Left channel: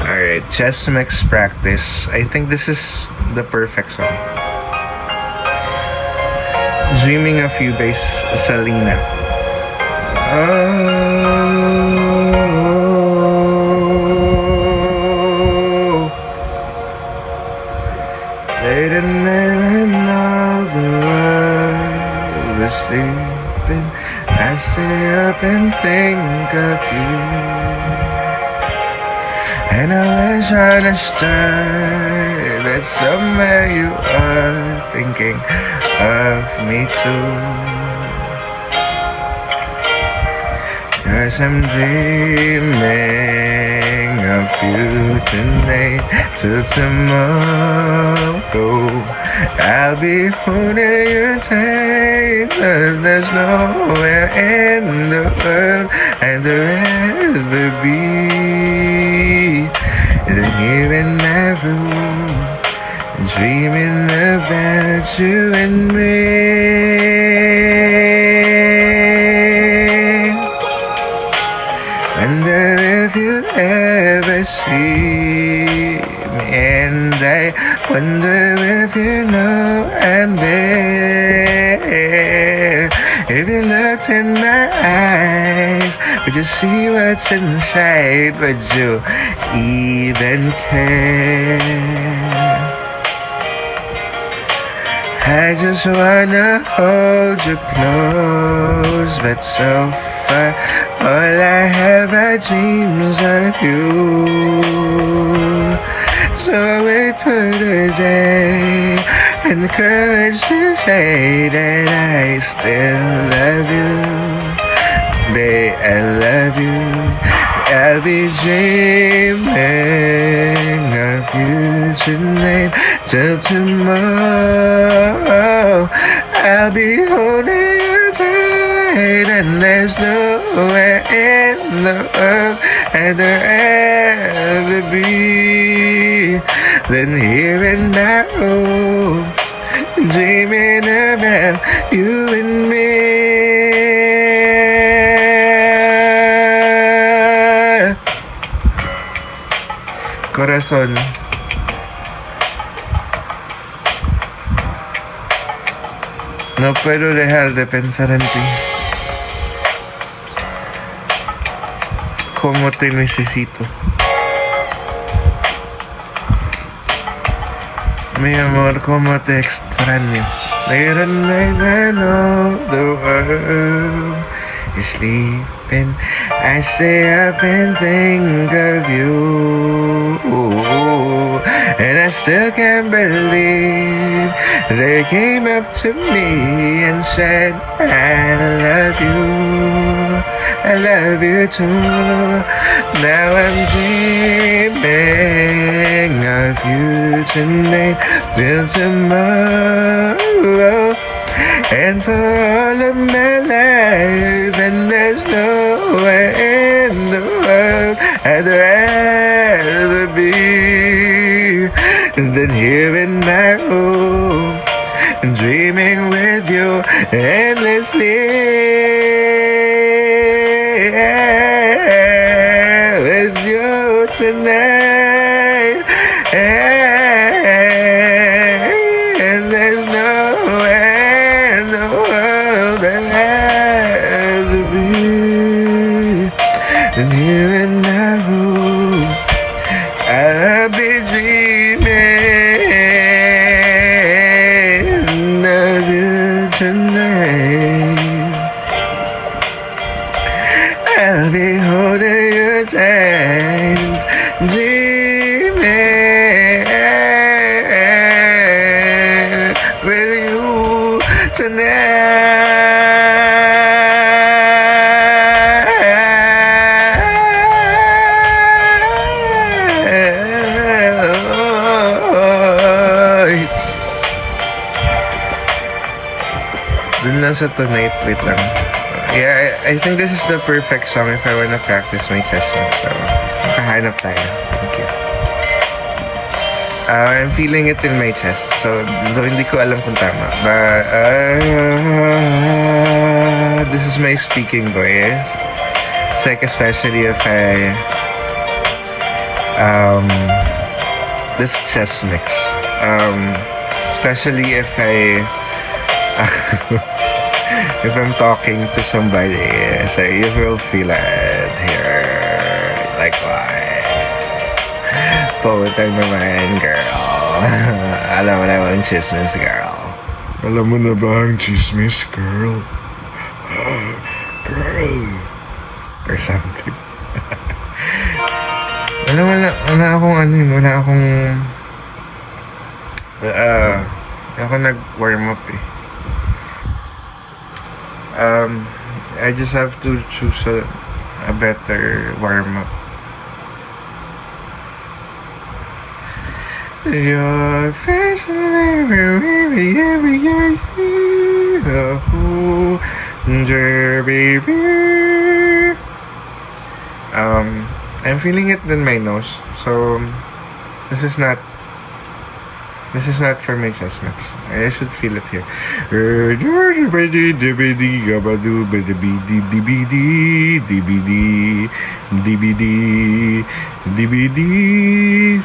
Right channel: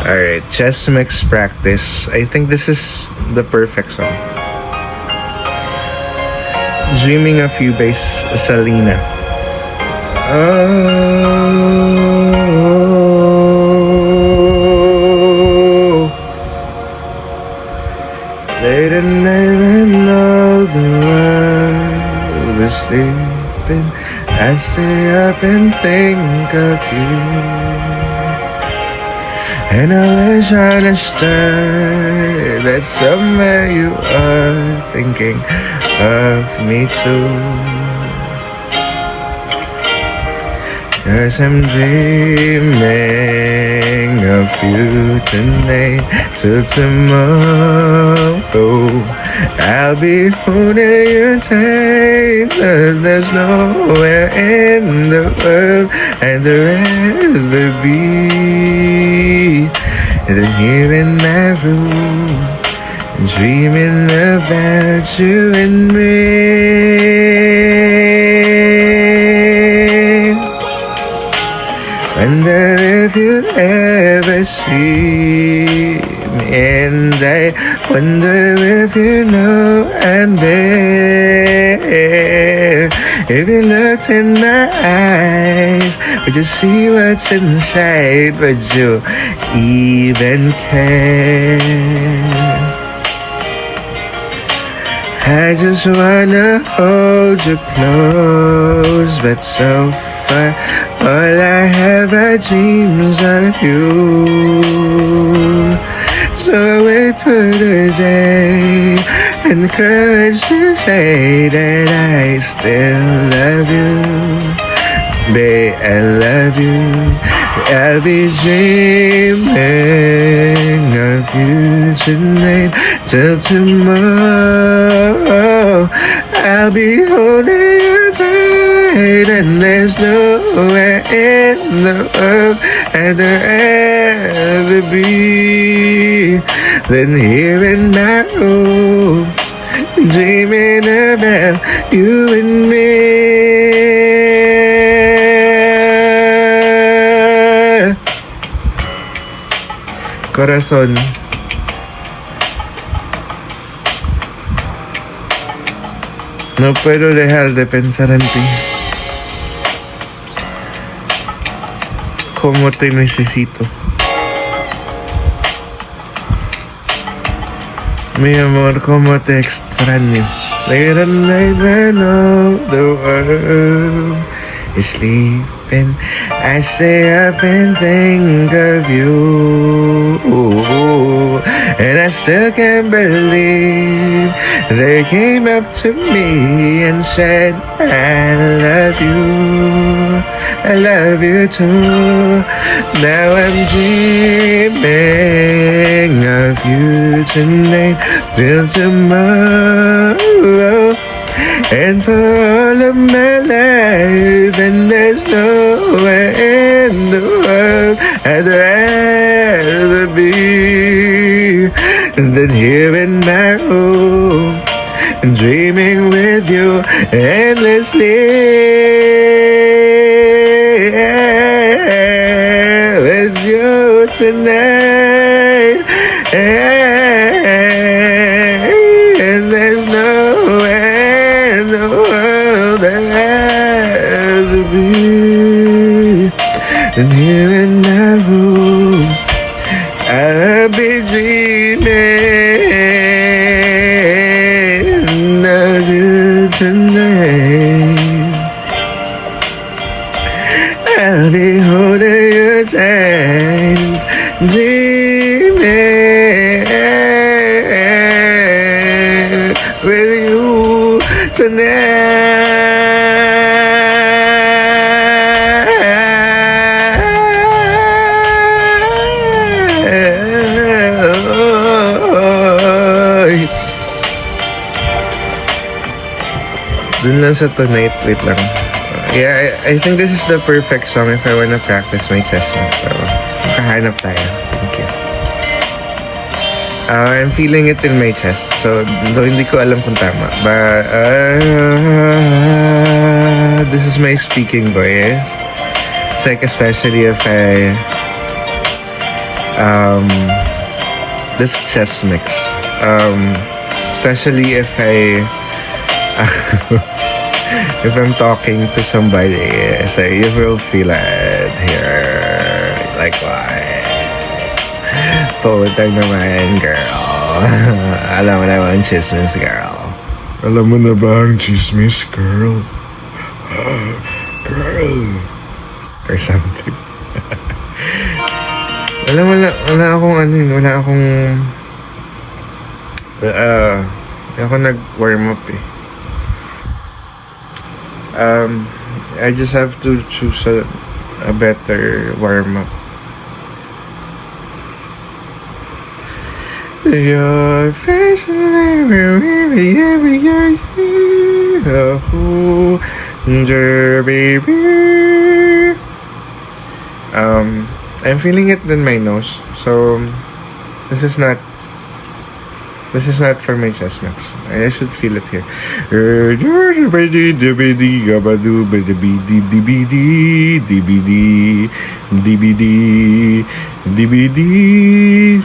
Alright, chess mix practice. I think this is the perfect one. Dreaming of You by Salina. Oh, late at night when all the world is sleeping, I stay up and think of you. And I wish I understood that somewhere you are thinking of me too. 'Cause I'm dreaming of you tonight till tomorrow. I'll be holding you tight, 'cause there's nowhere in the world I'd rather be than here in my room, dreaming about you and me. Wonder if you ever see me, and I wonder if you know I'm there. If you looked in my eyes, would you see what's inside? Would you even care? I just wanna hold you close, but so far all I have are dreams of you. So wait for the day and the courage to say that I still love you. Babe, I love you. I'll be dreaming of you tonight till tomorrow. I'll be holding you tight, and there's nowhere in the world I'd rather be than here in my home, dreaming about you and me. Corazón. No puedo dejar de pensar en ti. Cómo te necesito. Mi amor, cómo te extraño. Late at night when all the world is sleeping, I stay up and think of you. And I still can't believe they came up to me and said, I love you. I love you too. Now I'm dreaming of you tonight till tomorrow. And for all of my life, and there's nowhere in the world I'd rather be than here in my home, dreaming with you endlessly. With you tonight, and there's nowhere in the world I'd rather be than here in my room. I'll be dreaming of you tonight. I'll be holding you tight, dreaming with you tonight. Dun lang sa tonight, wait lang. Yeah, I think this is the perfect song if I wanna practice my chess mix. So, nakahanap tayo. Thank you. I'm feeling it in my chest. So, though hindi ko alam kung tama. But, this is my speaking voice. It's like especially if I this chest mix. Especially if I if I'm talking to somebody, so you will feel it here. Like what? Putang naman, girl. Alam mo naman, chismis, girl. Alam mo na ba ang chismis, girl? Girl. Or something. wala akong wala ako nag-warm up eh. I just have to choose a better warm up. Your face baby. I'm feeling it in my nose, so this is not for my chest mix. I should feel it here. DVD.